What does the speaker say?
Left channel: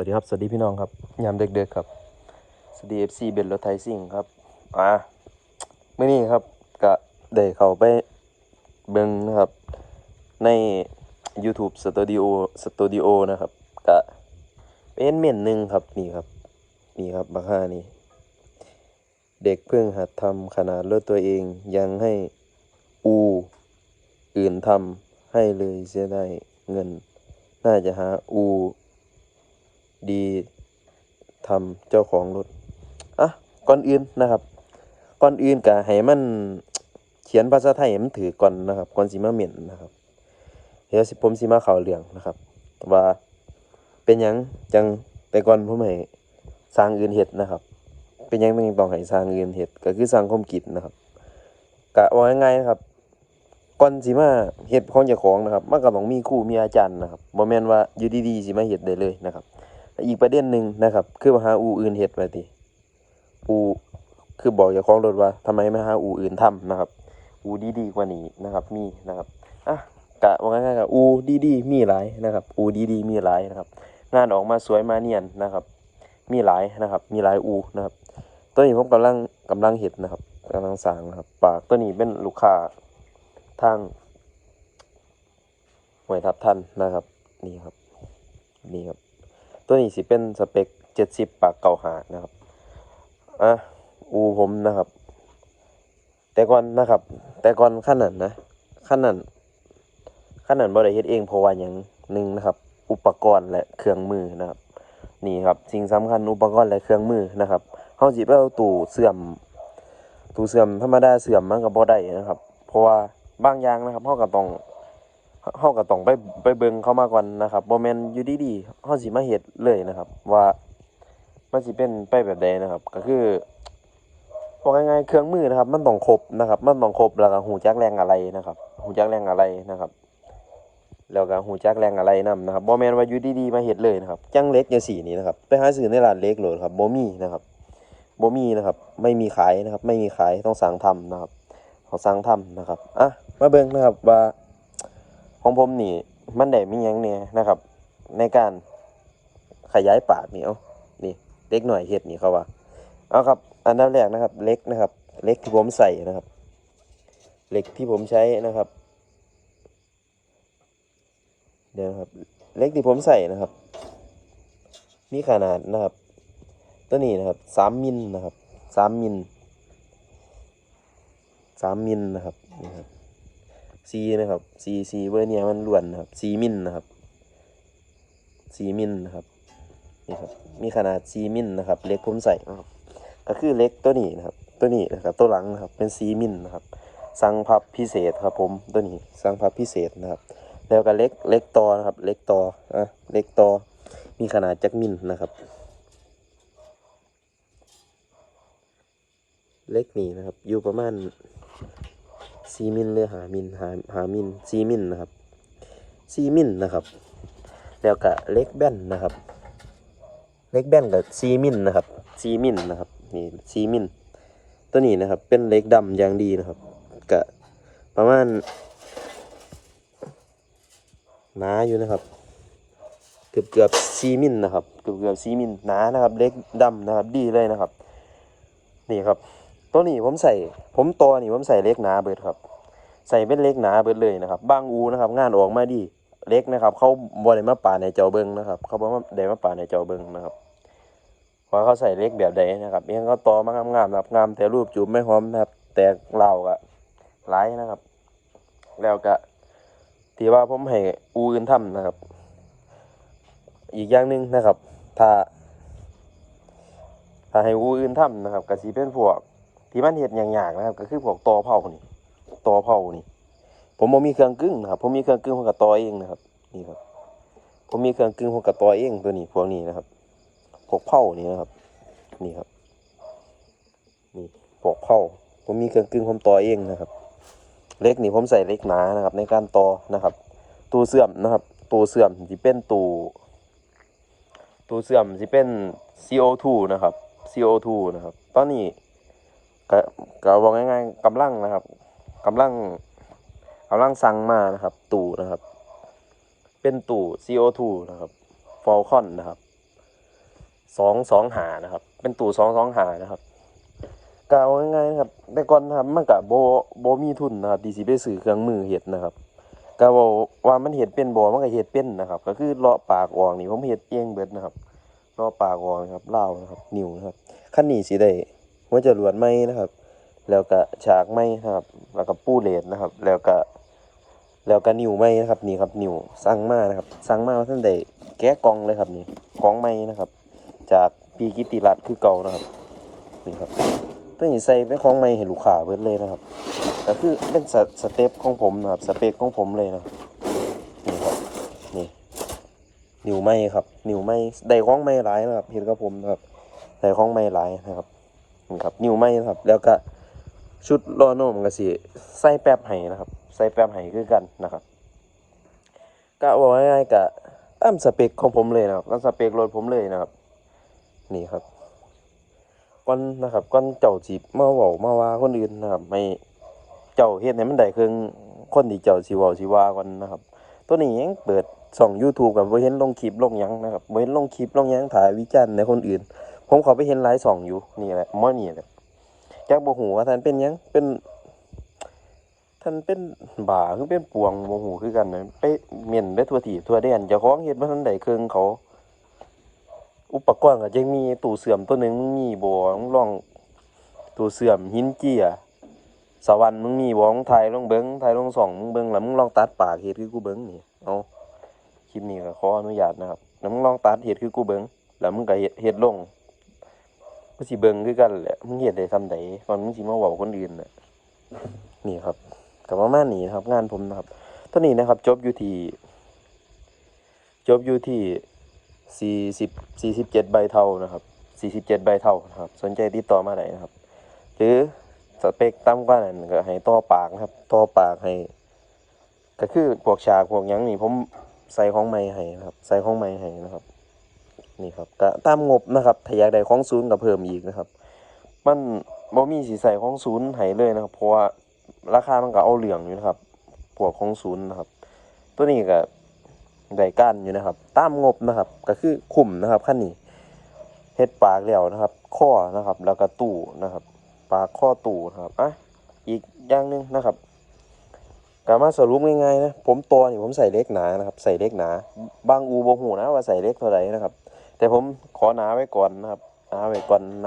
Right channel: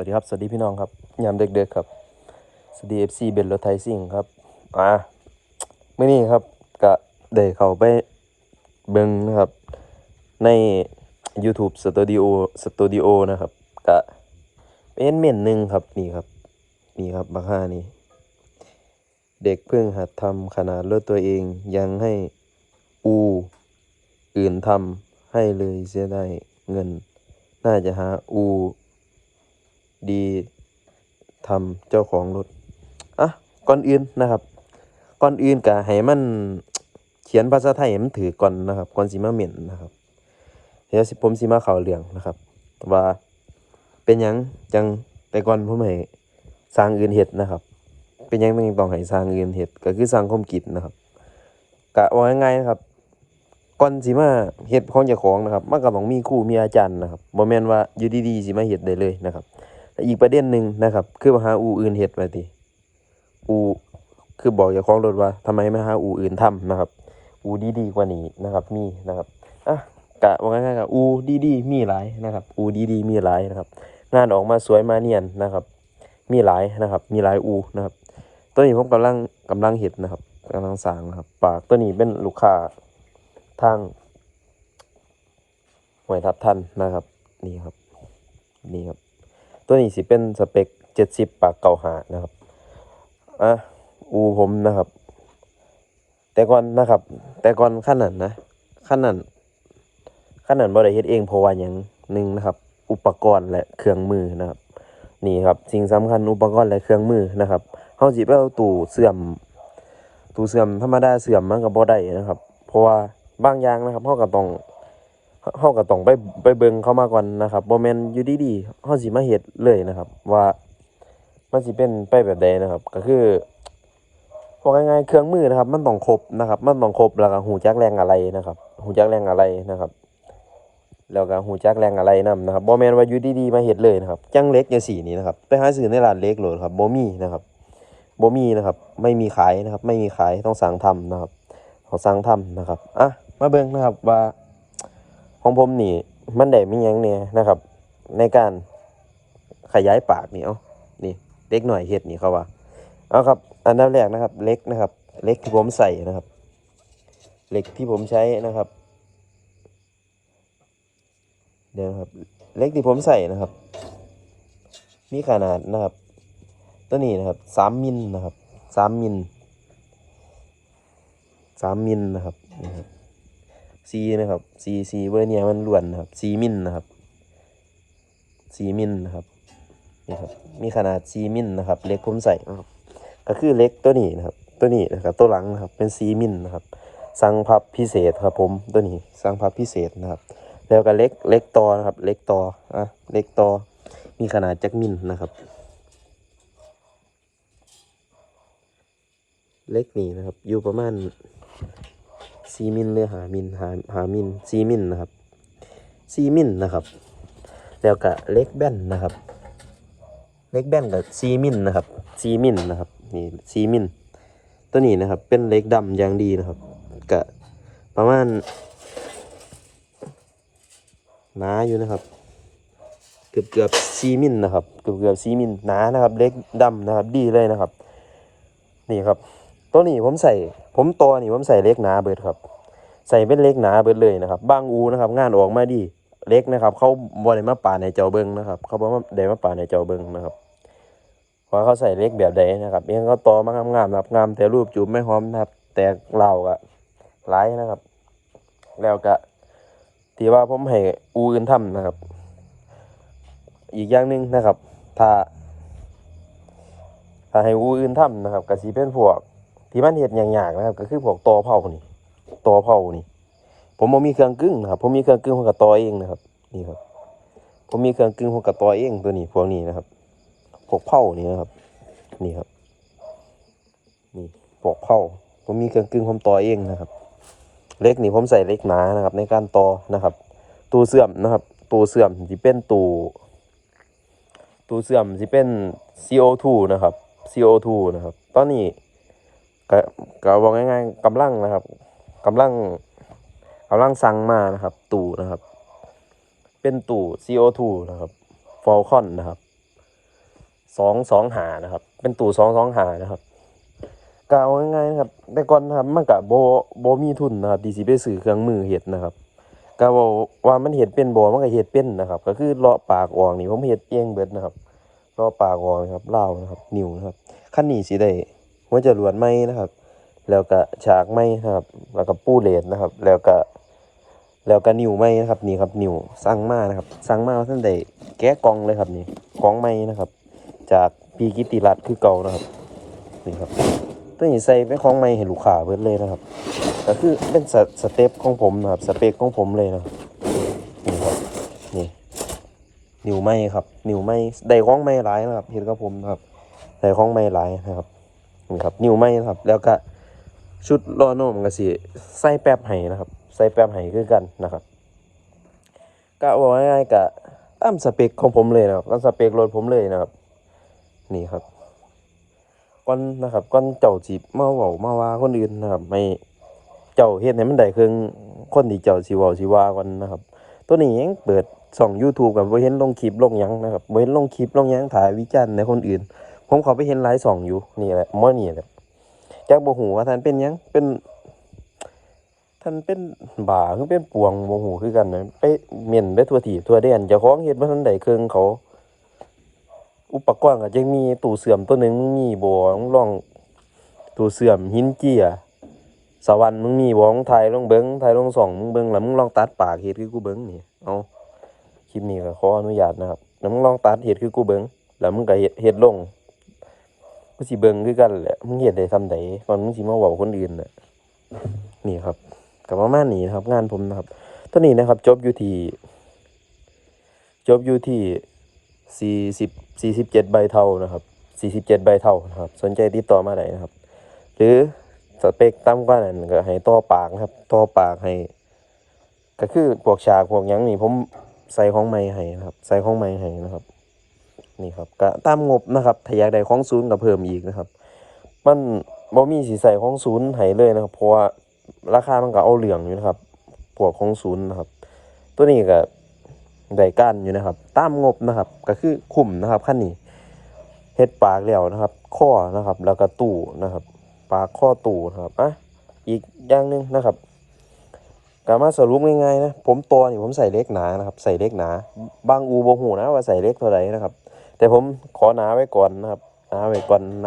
วัสดีครับ สวัสดีพี่น้องครับ ยามเด็กๆครับ สวัสดีเอฟซีเบนรถไทยซิ่งครับ อ่าเมื่อนี้ครับก็ได้เข้าไปเบิ่งนะครับ ใน YouTube Studio Studio นะครับก็เป็นเม่นหนึ่งครับ นี่ครับ นี่ครับบักห้านี่ เด็กเพิ่งหัดทำขนาดรถตัวเองยังให้อูอื่นทำให้เลยเสียได้เงิน น่าจะหาอู ดีทำเจ้าของรถอะก่อนอื่นนะครับ ก่อนอื่นก็ให้มันเขียนภาษาไทยให้มันถือก่อนนะครับก่อนสิมาเหม่นนะครับเดี๋ยวผมสิมาข้าเรื่องนะครับ ว่าเป็นยังจังแต่ก่อนผมให้สร้างอื่นเฮ็ดนะครับ เป็นยังต้องต้องให้สร้างอื่นเฮ็ดก็คือสร้างคมคิดนะครับกะว่าง่ายๆครับก่อนสิมาเฮ็ดของเจ้าของนะครับมันก็ต้องมีครูมีอาจารย์นะครับบ่แม่นว่าอยู่ดีๆสิมาเฮ็ดได้เลยนะครับ อีกประเด็นหนึ่งนะครับ คือว่าหาอูอื่นเฮ็ดมาติอูคือบอกเจ้าของรถว่าทำไมไม่หาอูอื่นทำนะครับ อูดีๆกว่านี้นะครับ มีนะครับอะกะว่าง่ายๆก็อูดีๆมีหลายนะครับ อูดีๆมีหลายนะครับ งานออกมาสวยมาเนียนนะครับ มีหลายนะครับ มีหลายอูนะครับ ตัวนี้ผมกำลังกำลังเห็ดนะครับกำลังสางนะครับ ปากตัวนี้เป็นลูกค้าทางหวยทับทันนะครับ นี่ครับ นี่ครับ ตัวนี้สิเป็นสเปคเจ็ดสิบปากเก่าหานะครับอะอูผมนะครับ แต่ก่อนนะครับ แต่ก่อนขั้นนั้นนะขั้นนั้นขั้นนั้นบ่ได้เฮ็ดเองเพราะว่าอย่างหนึ่งนะครับ อุปกรณ์และเครื่องมือนะครับ นี่ครับสิ่งสำคัญอุปกรณ์และเครื่องมือนะครับเฮาสิไปเอาตู้เสื่อมตู้เสื่อมธรรมดาเสื่อมมันก็บ่ได้นะครับ เพราะว่าบางอย่างนะครับเฮาก็ต้อง เฮาก็ต้องไปไปเบิ่งเขามาก่อนนะครับบ่แม่นอยู่ดีๆเฮาสิมาเฮ็ดเลยนะครับ ว่ามันสิเป็นไปแบบใดนะครับ ก็คือบอกง่ายๆเครื่องมือนะครับ มันต้องครบนะครับ มันต้องครบแล้วก็หูจักแรงอะไรนะครับหูจักแรงอะไรนะครับ แล้วก็หูจักแรงอะไรนํนะครับบ่แม่นว่าอยู่ดีๆมาเฮ็ดเลยนะครับ จังเล็กจังซี่นี่นะครับ ไปหาซื้อในร้านเล็กโหลดครับบ่มีนะครับบ่มีนะครับ ไม่มีขายนะครับ ไม่มีขายต้องสั่งทำนะครับต้องสั่งทำนะครับอะมาเบิ่งนะครับว่า ของผมนี่ มันได้มีหยังแหน่ยนะครับ ในการขยายปากนี่เอานี่เล็กหน่อยเฮ็ดนี่เขาว่าเอาครับ อันดับแรกนะครับ เล็กนะครับ เล็กที่ผมใส่นะครับเหล็กที่ผมใช้นะครับ เดี๋ยวนะครับ เล็กที่ผมใส่นะครับ มีขนาดนะครับ ตัวนี้นะครับสามมิลนะครับสามมิลสามมิลนะครับนี่ครับ ซีนะครับซีซีเวอร์เนียมันล้วนนะครับซีมิลนะครับซีมิลนะครับนี่ครับมีขนาดซีมิลนะครับเล็กผมใสนะครับก็คือเล็กตัวนี้นะครับ ตัวนี้นะครับตัวหลังนะครับเป็นซีมิลนะครับสั่งพับพิเศษครับผมตัวนี้สั่งพับพิเศษนะครับ แล้วก็เล็กเล็กตอนะครับ เล็กตออะเล็กตอมีขนาดจักมิลนะครับ เล็กนี่นะครับอยู่ประมาณ สี่มิลหรือหามิลหาหามิลสี่มิลนะครับสี่มิลนะครับ แล้วก็เล็กแบนนะครับ เล็กแบนกับสี่มิลนะครับสี่มิลนะครับนี่สี่มิลตัวนี้นะครับ เป็นเล็กดำอย่างดีนะครับก็ประมาณหนาอยู่นะครับ เกือบเกือบซีมิลนะครับ เกือบเกือบซีมิลหนานะครับ เล็กดำนะครับ ดีเลยนะครับ นี่ครับ ตัวนี้ผมใส่ ผมตัวนี่ผมใส่เล็กหนาเบิดครับ ใส่เป็นเล็กหนาเบิดเลยนะครับ บางอูนะครับ งานออกมาดีเล็กนะครับ เขาบริมาป่าในเจ้าเบิงนะครับ เขาบอกว่าได้มาป่าในเจ้าเบิงนะครับว่าเขาใส่เล็กแบบใดนะครับเองเขาตอมางามๆนะครับงามแต่รูปจูบไม่หอมนะครับ แต่เหล่าอะหลายนะครับ แล้วก็ที่ว่าผมให้อูอื่นทำนะครับ อีกอย่างหนึ่งนะครับ ถ้าถ้าให้อูอื่นทำนะครับก็สิเป็นพวก ที่มันเห็ดอย่างๆนะครับ ก็คือพวกตอเผานี่ตอเผานี่ ผมมีเครื่องกึ่งนะครับผมมีเครื่องกึ่งผมก็ตอเองนะครับ นี่ครับ ผมมีเครื่องกึ่งผมก็ตอเองตัวนี้พวกนี้นะครับพวกเผานี่นะครับ นี่ครับ นี่พวกเผาผมมีเครื่องกึ่งผมตอเองนะครับ เล็กนี่ผมใส่เล็กหนานะครับ ในการต่อนะครับตู้เสื่อมนะครับตู้เสื่อมที่เป็นตู้ตู้เสื่อมที่เป็น CO2 นะครับ CO2 นะครับ ตอนนี้ ก็ก็บอกง่ายๆกำลังนะครับกำลังกำลังสั่งมานะครับ ตู้นะครับ เป็นตู้ CO2 นะครับ Falcon นะครับสองสองหานะครับ เป็นตู้สองสองหานะครับกเอาง่ายๆครับแต่ก่อนนะครับมันก็บ่บ่มีทุนนะครับที่สิไปซื้อเครื่องมือเฮ็ดนะครับก็เว้าว่ามันเฮ็ดเป็นบ่มันก็เฮ็ดเป็นนะครับ ก็คือเลาะปากออกนี่ผมเฮ็ดเองเบิดนะครับเลาะปากออกนะครับเล่านะครับ นิ้วนะครับคันนี้สิได้ หัวจรวดใหม่นะครับ แล้วก็ฉากใหม่นะครับ แล้วก็ปูเลนนะครับ แล้วก็แล้วก็นิ้วไม้นะครับนี่ครับนิ้วสั่งมานะครับสั่งมาท่านใดแกะกองเลยครับนี่กองไม้นะครับ จากปีกิติรัตน์คือเก่านะครับนี่ครับตัวนี้ใส่เป็นของไม้ให้ลูกค้าเบิดเลยนะครับก็คือเป็นสสเต็ปของผมนะครับสเปคของผมเลยนะนี่ครับนี่นิ้วไม้ครับนิ้วไม้ได้ของไม้หลายนะครับเห็นกับผมนะครับได้ของไม้หลายนะครับ นี่ครับ นิ้วไม้นะครับ แล้วก็ชุดรอโน่มันก็สิใส่แป๊บให้นะครับ ใส่แป๊บให้คือกันนะครับก็บอกง่ายๆกะตามสเปคของผมเลยนะครับตามสเปครถผมเลยนะครับ นี่ครับก่อนนะครับก่อนเจ้าจีมาเว้ามาว่าคนอื่นนะครับ ไม่เจ้าเฮ็ดให้มันได้เครื่องคนที่เจ้าสิเว้าสิว่าก่อนนะครับ ตัวนี้ยังเปิดช่อง YouTube กับบ่เห็นลงคลิปลงหยังนะครับบ่เห็นลงคลิปลงหยังถ่ายวิจารณ์ในคนอื่น ผมเขาไปเห็นหลายช่องอยู่นี่แหละมื้อนี้แหละจักบ่ฮู้ว่าท่านเป็นยังเป็น ท่านเป็นบ่าคือเป็นปวงบ่ฮู้คือกันนะไปเม่นไปทั่วที่ทั่วแดนเจ้าของเฮ็ดบ่ทันได้เครื่องเขา อุปกรณ์ก็ยังมีตู้เสื่อมตัวหนึงมึงมีบ่มึงลองตู้เสื่อมหินเจียสวรรค์มึงมีบ่มึงถ่ายลงเบิ่งถ่ายลงส่องมึงเบิ่งแล้วมึงลองตัดปากเฮ็ดคือกูเบิ่งนี่เอาคลิปนี้ก็ขออนุญาตนะครับแล้วมึงลองตัดเฮ็ดคือกูเบิ่งแล้วมึงก็เฮ็ดเฮ็ดลง มึงสิเบิ่งคือกันแหละมึงเฮ็ดได้ซำใดก่อนมึงสิมาเว้าคนอื่นน่ะนี่ครับก็ประมาณนี้นะครับ งานผมนะครับตอนนี้นะครับจบอยู่ที่จบอยู่ที่40 47ใบเท่านะครับ47ใบเท่านะครับ สนใจติดต่อมาได้นะครับ หรือสเปคต่ำกว่านั้นก็ให้ต่อปากนะครับต่อปากให้ก็คือพวกฉากพวกยังนี่ผมใส่ของใหม่ให้นะครับ ใส่ของใหม่ให้นะครับ นี่ครับก็ตามงบนะครับถ้าอยากได้ของศูนย์ก็เพิ่มอีกนะครับ มันบ่มีสีใส่ของศูนย์ให้เลยนะครับ เพราะว่าราคามันก็เอาเหลืองอยู่นะครับพวกของศูนย์นะครับ ตัวนี้ก็ได้ก้านอยู่นะครับ ตามงบนะครับ ก็คือคุ้มนะครับขั้นนี้เฮ็ดปากแล้วนะครับ ข้อนะครับ แล้วก็ตู้นะครับ ปากข้อตู้นะครับอะอีกอย่างหนึงนะครับก็มาสรุปง่ายๆนะผมตัวนี่ผมใส่เล็กหนานะครับ ใส่เล็กหนา บางอูบ่ฮู้นะว่าใส่เล็กเท่าไหร่นะครับ แต่ผมขอหนาไว้ก่อนนะครับหนาไว้ก่อนนะ